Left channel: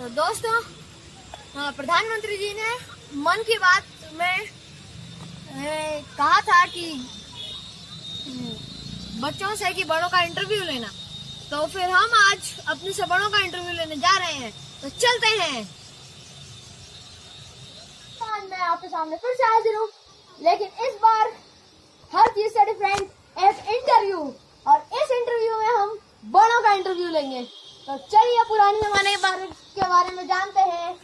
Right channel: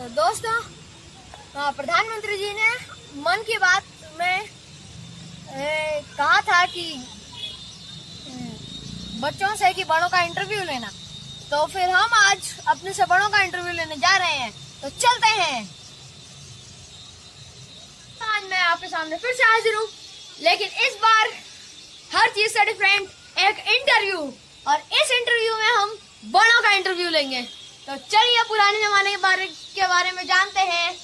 तो दोस्तों, प्रधानमंत्री जी ने मन की बात में कहा था कि बच्चों से कि बड़ों का इंटरव्यू लेना। तो फिर हम आज अपने से बड़ों का इंटरव्यू लेने जा रहे हैं, तो चलते हैं। आज मैं आपके सामने फिर से हाजिर हूँ, लेकिन इस बार हर चीज से डिफरेंट, एक इंटरव्यू। और इस इंटरव्यू में हम बड़ों का इंटरव्यू लेंगे। तो चलिए पुराने जमाने के बारे में जानते हैं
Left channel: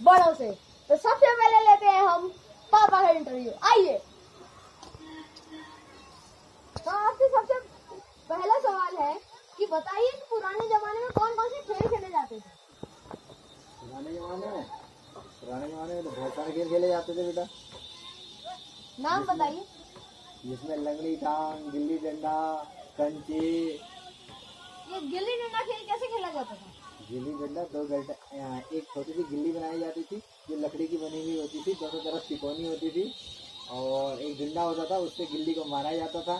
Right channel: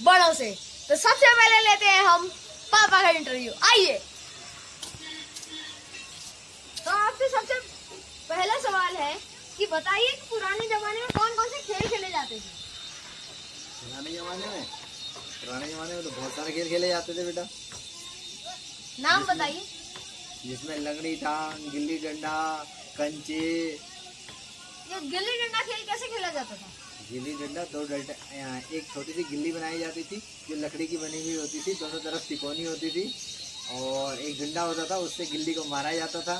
बड़ों से। तो सबसे पहले लेते हैं हम पापा का इंटरव्यू। आइए। तो आपसे सबसे पहला सवाल है कि बताइए कि पुराने जमाने में कौन कौन से खेल खेले जाते थे? पुराने जमाने में तो बहुत सारे खेल खेले जाते थे बेटा। नाम बताइए। जिसमें लंगड़ी टांग, गिल्ली डंडा, कंचे। ये गिल्ली डंडा खेल कैसे खेला जाता था? गिल्ली डंडा दो डंडा, एक छोटी सी गिल्ली बनाई जाती थी जो लकड़ी की बनी हुई होती थी, दोनों तरफ तिकोनी होती थी, और एक डंडा होता था, उससे गिल्ली को मारा जाता था।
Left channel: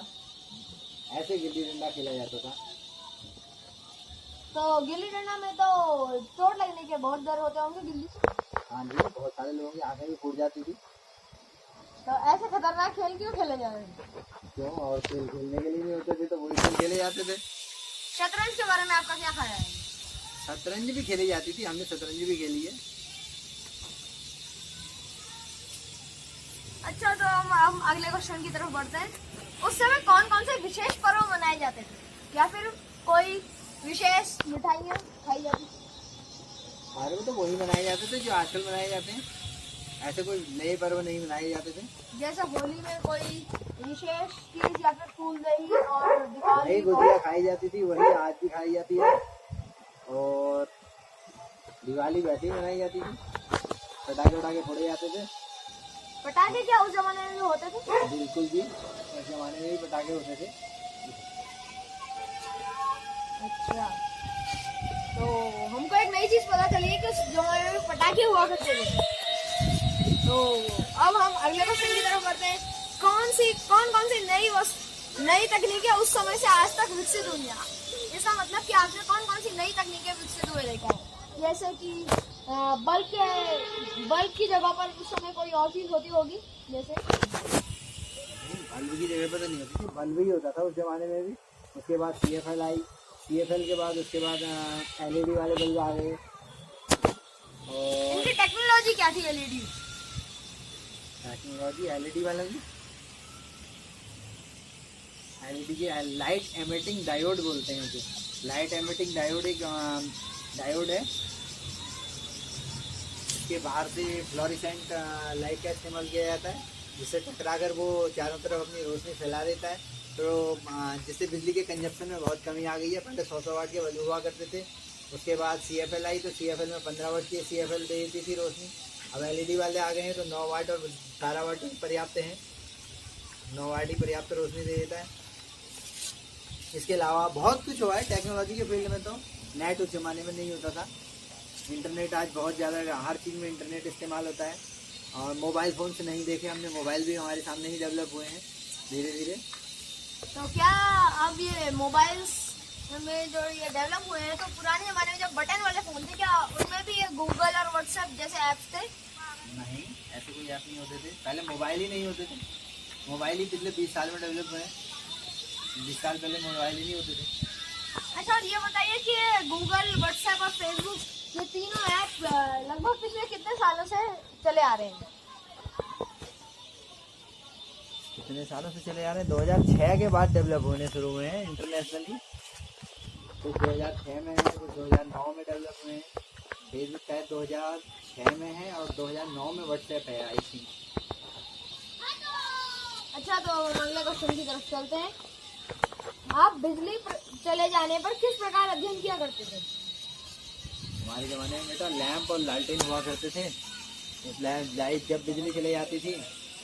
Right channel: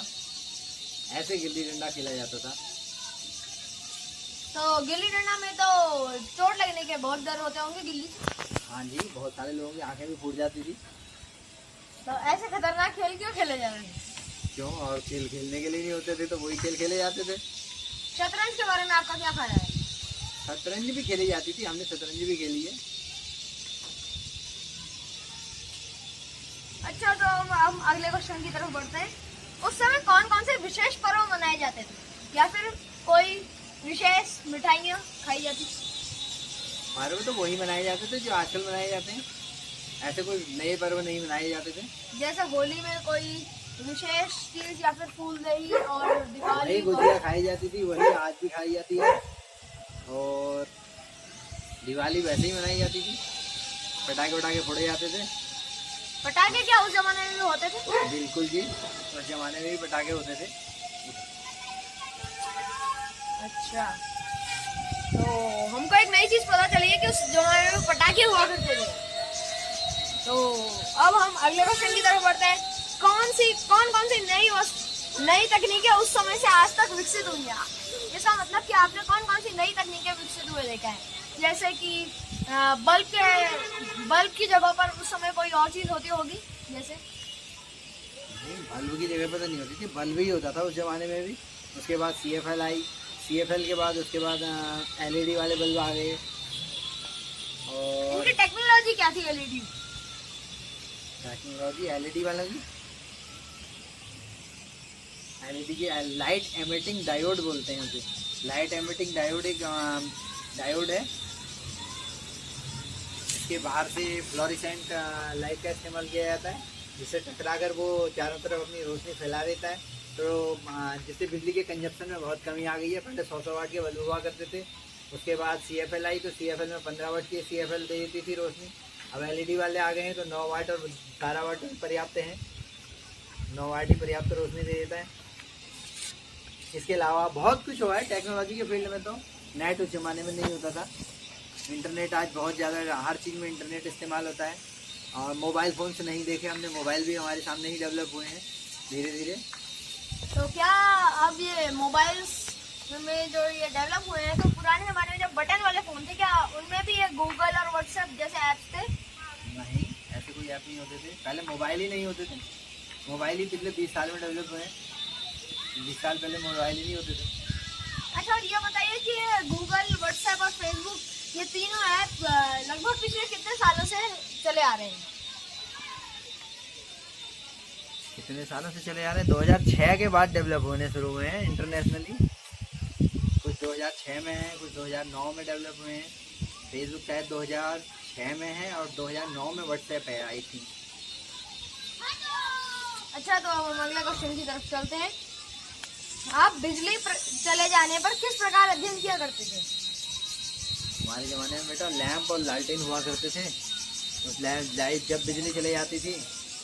ऐसे गिल्ली डंडा खेला जाता था। तो गिल्ली डंडा में तो चोट लगने के बहुत डर होते होंगे गिल्ली से। हाँ जी, बहुत सारे लोगों की आंखें भी फूट जाती थी। तो ऐसे खतरनाक खेल क्यों खेले जा रहे थे? क्यों? और खेल खेलने के लिए नहीं होते थे तो वही खेल खेले जाते थे। शतरंज के बारे में आपका क्या ख्याल है? शतरंज भी खेली जाती थी, हमने शतरंज भी खेली है। अच्छा, तो हम अगले क्वेश्चन की तरफ बढ़ते हैं। उस समय कौन कौन से विशेष पर्व मनाए जाते थे, या फिर कोई विशेष मिठाइयाँ खाई जाती थी? हमारे में तो वही मनाए जाते थे जो आजकल मनाए जाते हैं। ऐसे कोई नए पर्व नहीं मनाए जाते थे। जैसे होली में कोई विशेष चीज, या फिर फूलदेही, और दिवाली वही गुजिया खाई जाती थी, वही आज भी खाई जाती है। और दिवाली वैसे ही मनाई जाती थी, पटाखे वटाखे फोड़े जाते थे। पटाखे क्या उस जमाने में भी होते थे? बिल्कुल जी, उस जमाने में भी पटाखे होते थे। अच्छा, तो हमको एक नई चीज पता चली है कि उस जमाने में पटाखे हुआ करते थे। तो अब हम अगले क्वेश्चन की तरफ बढ़ते हैं। कौन कौन सी नई तकनीकें उस समय से आज तक विकसित हुई हैं? इसका मतलब कि आपने कौन कौन सी नई तकनीकें विकसित हुए देखा है? जैसे कि बल्ब की जगह पर उस समय कोई और चीज होती होगी, जैसे नहीं, बल्ब की जगह पर तो नहीं होती थी, बल्ब ही होता था उस जमाने में भी। उसके बाद CFL आई, CFL के बाद उसके बाद LED वाले बल्ब आ गए। और उनकी टेक्नोलॉजी क्या थी? टेक्नोलॉजी LED वालों की, LED की लाइट एमिटिंग डायोड बोलते हैं उसे। लाइट एमिटिंग डायोड एक डायोड है, इसके बाहर से फ्लोरेसेंट लाइट का इस्तेमाल किया जाता है, जिससे टकराकर वो चारों तरफ अपनी रोशनी फैला देता है। तो जिससे बिजली के कंजप्शन में बहुत कमी आ गई है। पहले 100 वाट के बल्ब हुआ करते थे। उसके बाद CFL आई, तो CFL में 15 वाट की CFL दे देती थी रोशनी। अब LED वाले आ गए हैं तो 9 वाट और 12 वाट पर्याप्त हैं। 9 वाट ही पर्याप्त रोशनी दे देता है। इसके अलावा बहुत कुछ हुआ है टेक्नोलॉजी के फील्ड में। तो नेट उस जमाने में नहीं होता था। इंटरनेट आज बहुत ज़्यादा, हर चीज़ में इंटरनेट इस्तेमाल होता है। और मोबाइल फ़ोन से नहीं देखे हमने, मोबाइल भी हमारे सामने ही डेवलप हुए हैं धीरे धीरे। तो क्या अब ये मोबाइल्स में जो ये डेवलप हुए हैं, तो पुराने जमाने में जब बटन वाले फोन थे, क्या उनमें भी ये गूगल और व्हाट्सएप जैसे ऐप्स थे? नहीं, ऐसे कोई ऐप नहीं होते थे। पहले मोबाइल ही नहीं होते थे। मोबाइल ही पिछले 20 साल में डेवलप हुए हैं। 20 साल पहले मोबाइल ही नहीं होते थे। अच्छा, और ये बताइए कि गूगल, व्हाट्सएप और फेसबुक, ये तीनों ऐप लगभग पिछले कितने सालों से चले आ रहे हैं? कितने सालों से चले आ रहे हैं? 2006 के बाद डेवलप होने शुरू हुए हैं इंटरनेशनली। कुछ 2006 में है, कुछ 2009 में डेवलप हुए हैं। फेसबुक शायद 2006 में है, और 2009 में व्हाट्सएप है, आई थिंक। अच्छा, तो अब हम अगले क्वेश्चन की तरफ चलते हैं। आप बिजली चले जाने पर किस प्रकार अध्ययन किया करते थे? हमारे ज़माने में बेटा लैंप और लालटेन हुआ करते थे। उस लाइट जब बिजली चली जाती थी,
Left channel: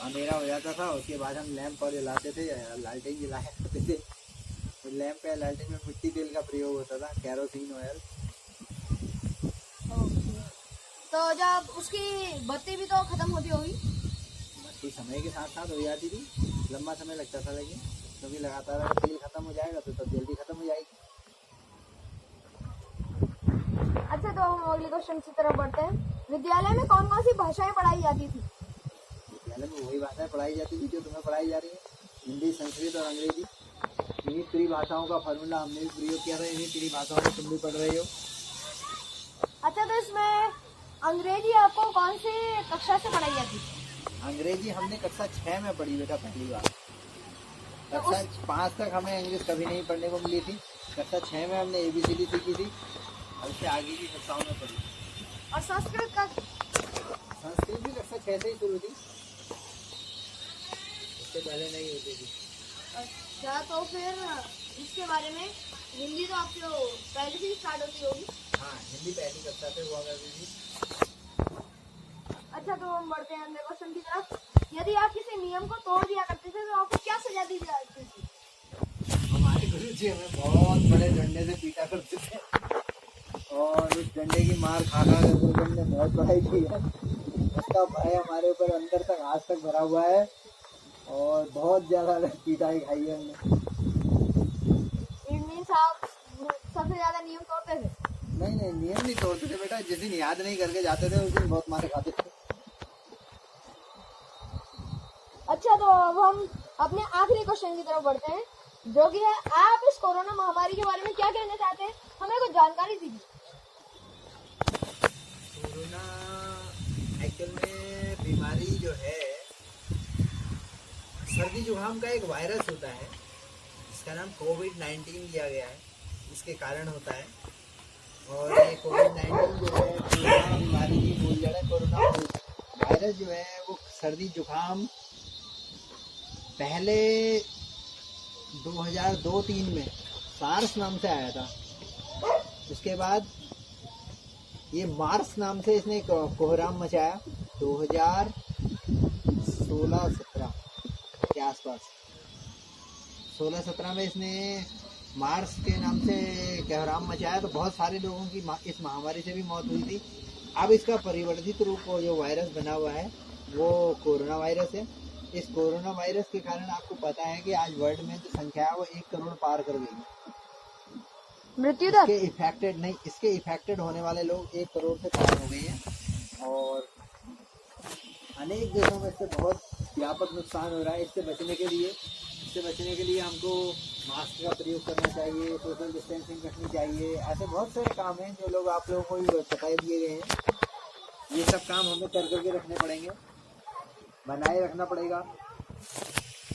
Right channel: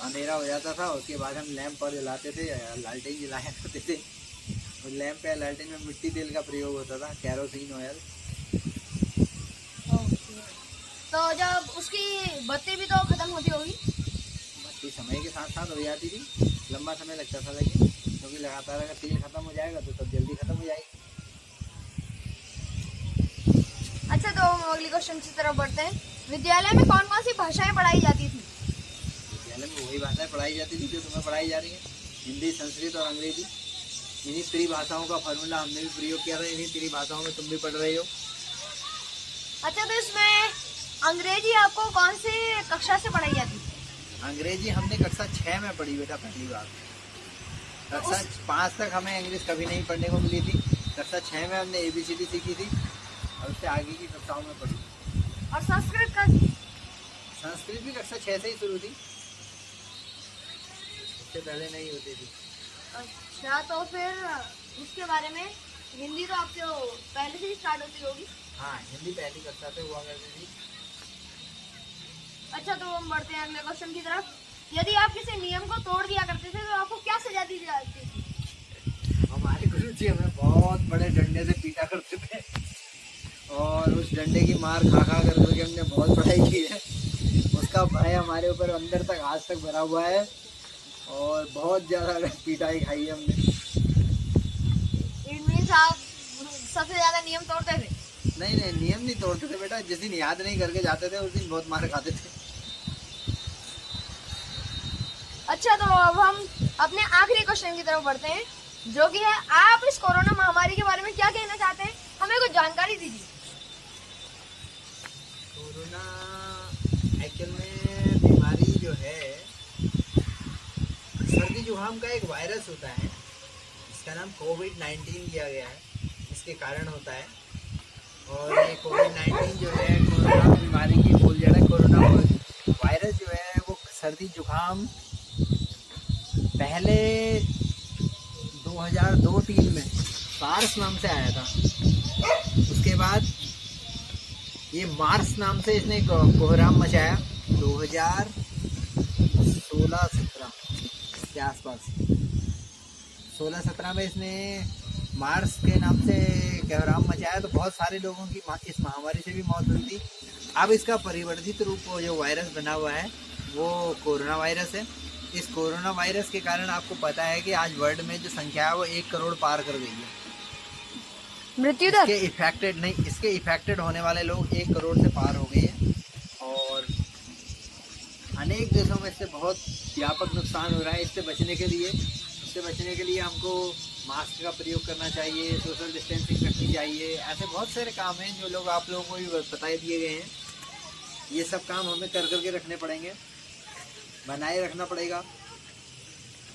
अंधेरा हो जाता था, उसके बाद हम लैंप और जलाते थे, लालटेन जलाया करते थे। उस लैंप या लालटेन में मिट्टी तेल का प्रयोग होता था, केरोसिन ऑयल। तो जब उसकी बत्ती भी तो खत्म होती होगी? बत्ती समय के साथ साथ हो जाती थी, लंबा समय लगता था, लेकिन क्योंकि लगातार अगर तेल खत्म हो जाएगा तो तब जल्दी खत्म हो जाएगी। अच्छा, तो हम अगले क्वेश्चन की तरफ बढ़ते हैं। विद्यालय में कौन कौन सी भाषाएं पढ़ाई जाती थी? विद्यालय में वही भाषाएं पढ़ाई जाती थी जो तुम्हें पढ़ाई जा रही है, हिंदी, संस्कृत और अंग्रेजी। इन्हीं त्रिभाषाओं का फॉर्मूला हमने भी प्रयोग किया था, इन्हीं त्रिभाषाओं में तुम भी पढ़ रहे हो। अच्छा, तो इसमें अंग्रेजी आपको कौन सी कक्षा से पढ़ाई जाती थी? अंग्रेजी हमने कक्षा 6 में पढ़ी बेटा पहली बार। कक्षा 5 तक हमें इंग्लिश कभी नहीं पढ़ने को मिली थी। कक्षा 6 में हमने ABCD सीखी थी और उससे आगे की कक्षाओं में पढ़ी। और संस्कृत का? संस्कृत भी कक्षा 6 से ही शुरू थी, उससे पहले नहीं होती थी। अच्छा, तो फिर इसके बारे में हिंदी तो आपसे पहले से ही स्टार्ट होती होगी? हाँ, हिंदी पहली कक्षा से हुआ करती थी। अच्छा, तो हम बढ़ते हैं अगले क्वेश्चन की तरफ। यदि आप किसी नियम को तोड़ दिया करते थे तो आपको क्या सजा दी जाती थी? हमारे गुरु जी हमें बहुत बड़े डंडे से पीटा करते थे और उस डंडे की मार खा खा करके हमने बहुत पढ़ाई की है। उसका भय हमारे ऊपर अंदर तक आज तक भरा हुआ है और बहुत ज़्यादा पिटाई खाई है हमने। इट मीन्स आप सबसे ज्यादा नियम तोड़ते थे? नहीं नहीं, नियम नहीं तोड़ते थे बेटा, जिस दिन याद नहीं करके जाते थे उस दिन बहुत मार खाते थे। अच्छा, तो अब हम अपने आखिरी क्वेश्चन की तरफ बढ़ते हैं, जो कि है आप इस कोरोना महामारी के बारे में क्या कहना चाहते हैं? हमें कुछ जानकारी दीजिए। कोरोना एक्चुअल में बीमारी जो है, सर्दी जुकाम का एक वायरस होता है, इसका नाम कोविड-19 दिया गया है, इसके कारण होता है। और ये कोविड-19 जो है कोरोना बीमारी की मूल जड़ है। कोरोना वायरस जो है वो सर्दी जुकाम पहले 2002-3 में सार्स नाम से आया था। उसके बाद ये मार्स नाम से इसने कोहराम मचाया 2016-17 के आसपास। 16-17 में इसने मार्स के नाम से कोहराम मचाया, तो बहुत सारे लोगों की इस महामारी से भी मौत हुई थी। अब इसका परिवर्तित रूप जो वायरस बना हुआ है वो कोरोना वायरस है। इस कोरोना वायरस के कारण आपको पता है कि आज वर्ल्ड में जो संख्या है वो 1 करोड़ पार कर गई है। मृत्यु दर? इसके इफेक्टेड होने वाले लोग 1 करोड़ से पार हो गए हैं और अनेक देशों में इससे बहुत व्यापक नुकसान हो रहा है। इससे बचने के लिए हमको मास्क का प्रयोग करना चाहिए, सोशल डिस्टेंसिंग रखनी चाहिए। ऐसे बहुत सारे काम हैं जो लोग आप लोगों को भी बताए दिए गए हैं। ये सब काम हमें कर करके रखने पड़ेंगे, बनाए रखना पड़ेगा।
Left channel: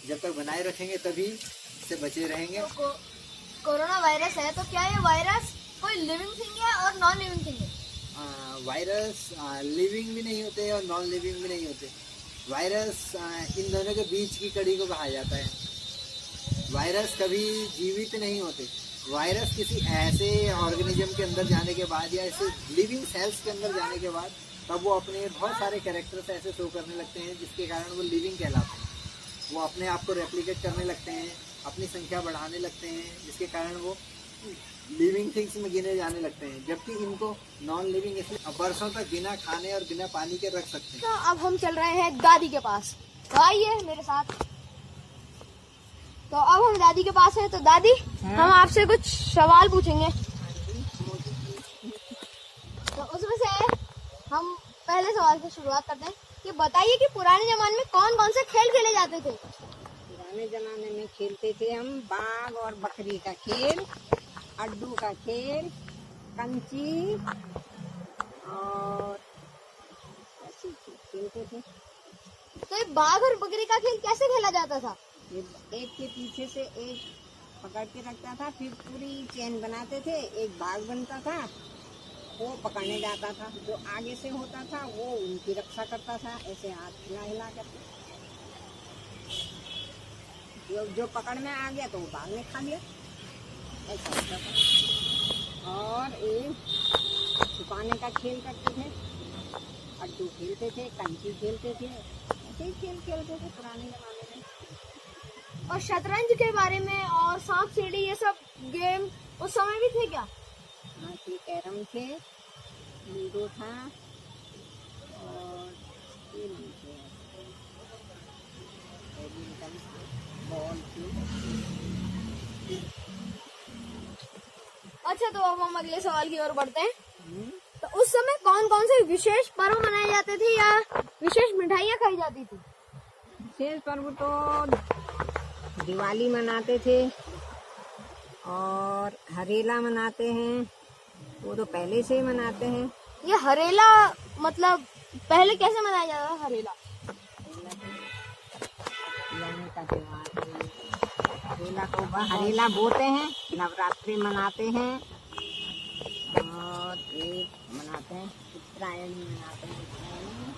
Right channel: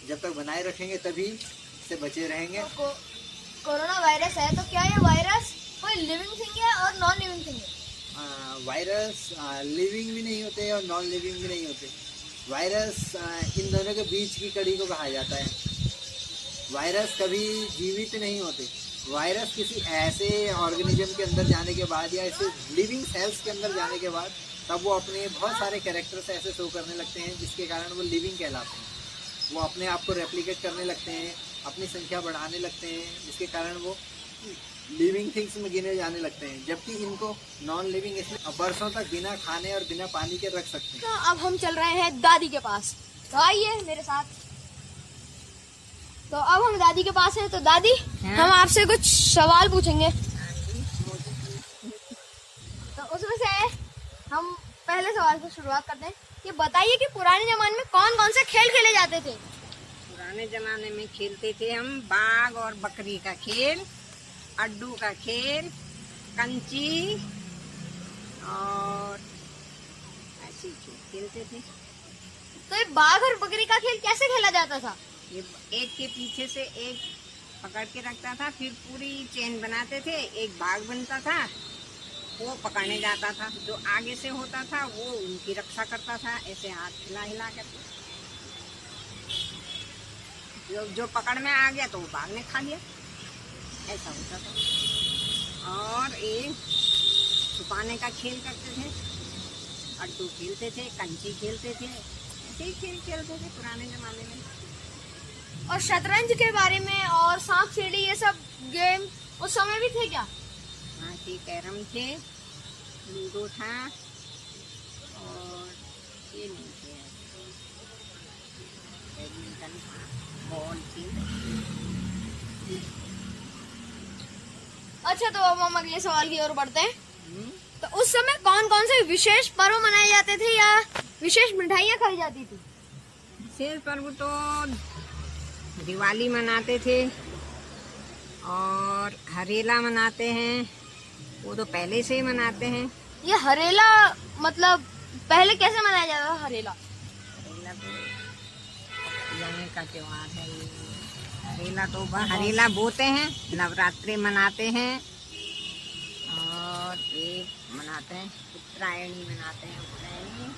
जब तक बनाए रखेंगे तभी इससे बचे रहेंगे। तो कोरोना वायरस है, तो क्या ये वायरस कोई लिविंग थिंग है और नॉन लिविंग थिंग है? वायरस लिविंग भी नहीं होते और नॉन लिविंग भी नहीं होते। वायरस इन दोनों के बीच की कड़ी को कहा जाता है। वायरस कभी जीवित नहीं होते। वायरस किसी ऐसे ऑर्गेनिज्म के अंदर जाने के बाद या ऐसे लिविंग सेल्स के अंदर जाने के बाद तब वो अपने बहुत सारे कैरेक्टर्स ऐसे शो करने लगते हैं जिसके कारण वो लिविंग कहलाते हैं। वो अपने आप को रेप्लिकेट करने लगते हैं, अपनी संख्या बढ़ाने लगते हैं, जिसके कारण वो लिविंग थिंग्स में गिने जाने लगते हैं। जबकि इनको नॉन लिविंग इसलिए बरसों तक बिना खाने और बिना पानी के रख सकते हैं। तो अब हम चल रहे हैं दादी के पास, तो आइए मेरे साथ। तो अब हम दादी के पास हैं। तो दादी, हम आपसे कुछ सवाल पूछेंगे। तो उसमें से हम पहले सवाल से शुरुआत करते हैं कि बताइए कि पुराने जमाने में कौन कौन से खेल खेले जाते थे? पुराने जमाने में खेलते थे हम बाघ और बकरी का खेल, अड्डू का खेल, कंची और ऐसे खेलते थे। तो ये बाघ और बकरी का खेल कैसे खेला जाता था? ये एक के पीछे से एक पकड़ के रखता था, फिर पूरी चेन बनाते थे, एक बाघ बनता था, वो पकड़ने जाता था। जो आगे से होता था वो उनकी रक्षा करता था, ऐसे हाथ हिला हिला करके। जो पकड़ में आ गया तो वो बाघ ने खा लिया, ऐसा होता था। और एक छुपाने का खेल करते थे, अड्डू खेलते थे, कंची खेलते थे, ऐसे ही खेल खेलते थे पुराने जमाने में। और शतरंज के बारे में और सांप सीढ़ी ये सब गेम उस समय भी थे क्या? हाँ थे, कैरम थे, लूडो था और ये नहीं थे, बैडमिंटन था, बॉल थी। अच्छा, तो अब हम अगले सवाल की ओर बढ़ते हैं। तो उस समय कौन कौन से विशेष पर्व मनाए जाते थे या विशेष मिठाइयाँ खाई जाती थी? विशेष पर्व तो दिवाली मनाते थे और हरेला मनाते हैं, वो तो पहले से ही मनाते हैं। ये हरेला मतलब पहले कैसे मनाया जाता था हरेला? हरेला तो यहीं का त्योहार है ये। हरेला बोते हैं, नवरात्रि मनाते हैं और ये मनाते हैं उत्तरायणी मनाते हैं। उत्तरायणी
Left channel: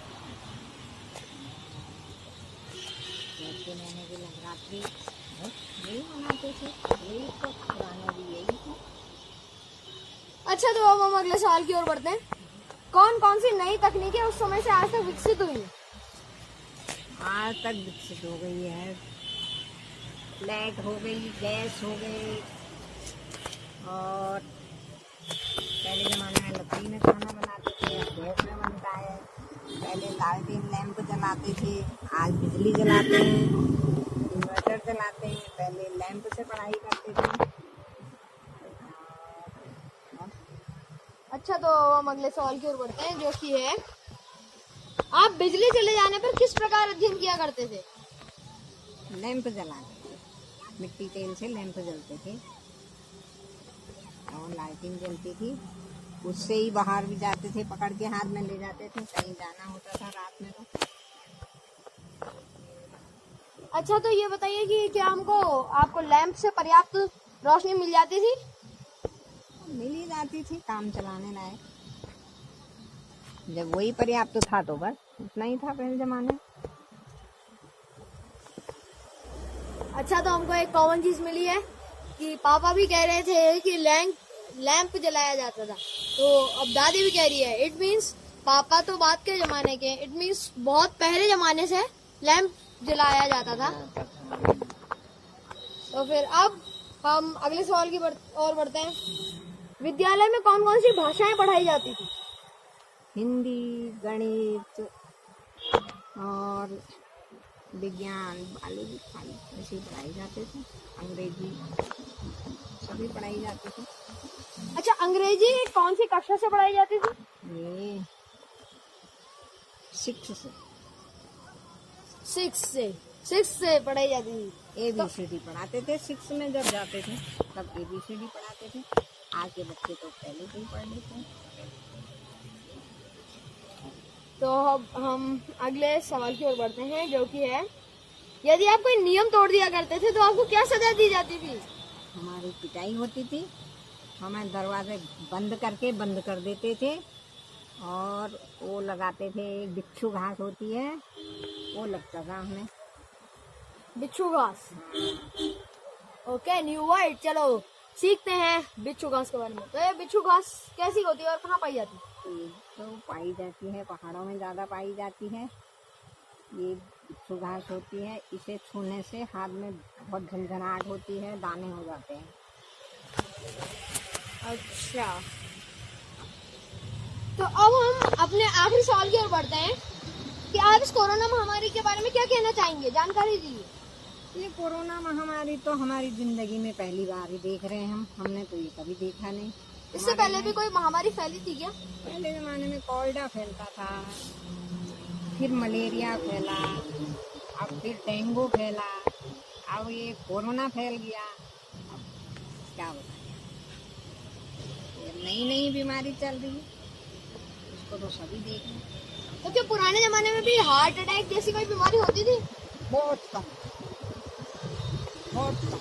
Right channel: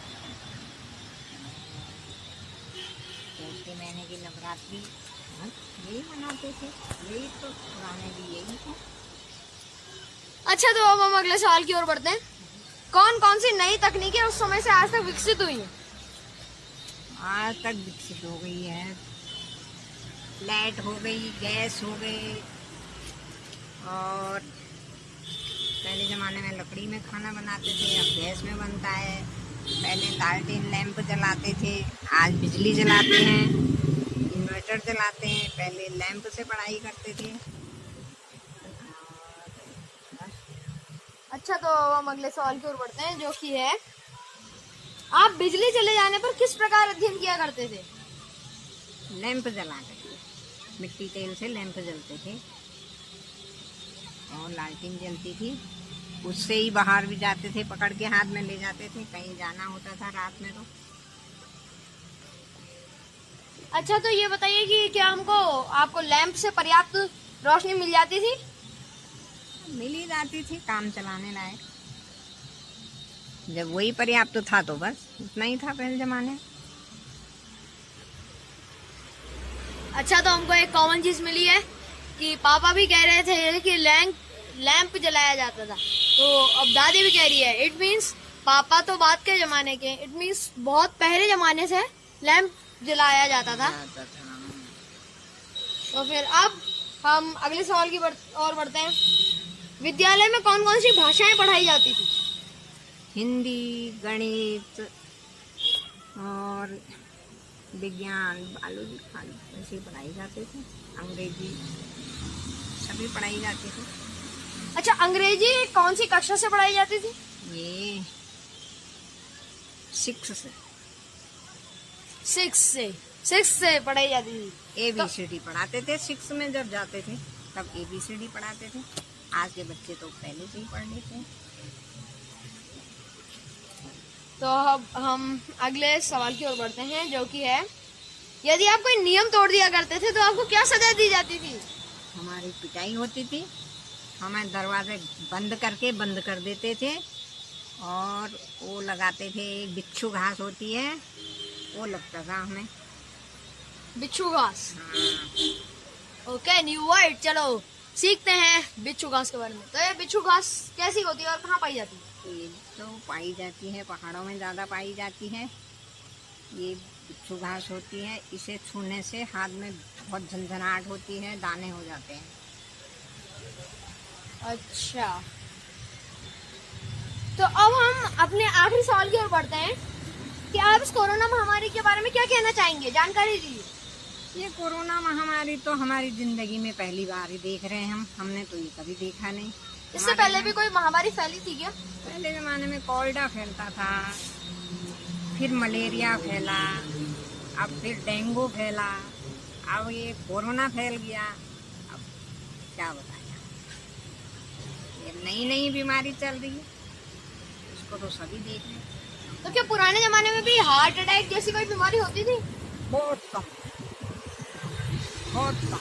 चैत्र महीने की नवरात्रि बस यही मनाते थे, यही तो पुराने भी यही थे। अच्छा, तो अब हम अगले सवाल की ओर बढ़ते हैं। कौन कौन सी नई तकनीकें उस समय से आज तक विकसित हुई हैं? आज तक विकसित हो गई है, लाइट हो गई, गैस हो गई, और पहले ज़माने में लकड़ी में खाना बनाते थे, अब गैस में बनता है। पहले लालटेन लैंप जलाते थे, आज बिजली जलाते हैं, इन्वर्टर जलाते हैं। पहले लैंप से पढ़ाई करते थे। अच्छा, तो हम अगले सवाल की ओर बढ़ते हैं, जो कि है आप बिजली चले जाने पर किस प्रकार अध्ययन किया करते थे? लैंप जला करके, मिट्टी तेल से लैंप जलते थे और लालटेन जलती थी, उससे ही बाहर भी जाते थे, पकड़ के हाथ में ले जाते थे, कहीं जाना होता था रात में तो। अच्छा, तो ये बताइए कि क्या आपको लैंप से पर्याप्त रोशनी मिल जाती थी? मिल ही जाती थी काम चलाने लायक। जब वही पर्याप्त था तो बस उतना ही था पहले जमाने। अच्छा, तो हमको एक कॉमन चीज मिली है कि पापा भी कह रहे थे कि लैंप जलाया जाता था, तो अब दादी भी कह रही है। इट मीन्स पापा तो बाद के जमाने के, इट मीन्स बहुत पहले जमाने से लैंप जलाया जाता था। तो फिर अब हम अगले सवाल की ओर बढ़ते हैं। विद्यालय में कौन कौन सी भाषाएं पढ़ाई जाती थी? हिंदी, गणित और विज्ञान, बायोलॉजी खाली ऐसे पढ़ाई जाते थे। अंग्रेजी सभी पढ़ाई जाती थी। अच्छा, अंग्रेजी कौन सी कक्षा से पढ़ाई जाती थी? ये 6 से। 6 से पढ़ाई जाती थी। ABCD पढ़ाते थे 6 में, जब जाते थे तब ABCD पढ़ाते थे। आज के बच्चे तो पहले से ही पढ़ लेते हैं। तो अब हम अगले सवाल की ओर बढ़ते हैं, जो कि है यदि आप कोई नियम तोड़ दिया करते थे तो आपको क्या सजा दी जाती थी? हमारी पिटाई होती थी, हमें दरवाजे बंद कर देते थे और वो लगाते थे, बिच्छू घास होती है वो लगता था हमें। बिच्छू घास। हाँ। Okay, new word. चलो सीखते हैं बिच्छू घास के बारे में। तो ये बिच्छू घास कैसी होती है और कहाँ पाई जाती है? ये तो पाई जाती है पहाड़ों में, ज़्यादा पाई जाती है। ये बिच्छू घास होती है, इसे छूने से हाथ में बहुत झंझनाहट होती है, दाने हो जाते हैं। अच्छा, तो अब हम अपने आखिरी सवाल की ओर बढ़ते हैं कि आप इस कोरोना महामारी के बारे में क्या कहना चाहेंगे? जानकारी दीजिए। ये कोरोना महामारी तो हमारी जिंदगी में पहली बार ही देख रहे हैं हमने तो ये कभी देखा नहीं। इससे पहले भी कोई महामारी फैली थी क्या? पहले ज़माने में कॉलेरा फैलता था, फिर मलेरिया फैला, अब फिर डेंगू फैला, अब ये कोरोना फैल गया। अब क्या बताएं, ये नई नई बीमारी चल रही है, इसको तो सभी देख रहे हैं। तो क्या पुराने जमाने में भी हार्ट अटैक जैसी कोई बीमारी होती थी? बहुत कम, बहुत कम।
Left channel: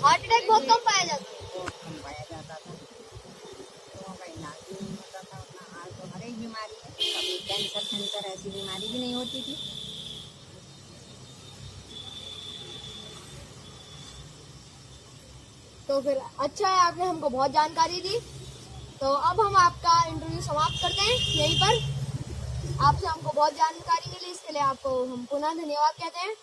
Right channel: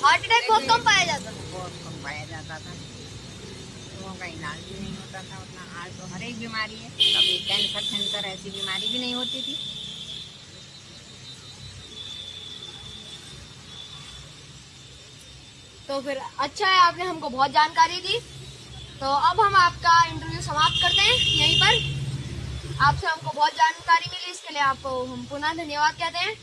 हार्ट अटैक बहुत कम पाया जाता था। बहुत कम पाया जाता था, लोगों का इलाज भी नहीं होता था उतना। आज तो हर एक बीमारी है, कभी कैंसर ऐसी बीमारी भी नहीं होती थी। तो फिर अच्छा है, आपने हमको बहुत जानकारी दी। तो अब हम आपका इंटरव्यू समाप्त करते हैं यहीं पर। आपसे हमको बहुत जानकारी मिली, इसके लिए आपको हम पुनः धन्यवाद कहते हैं।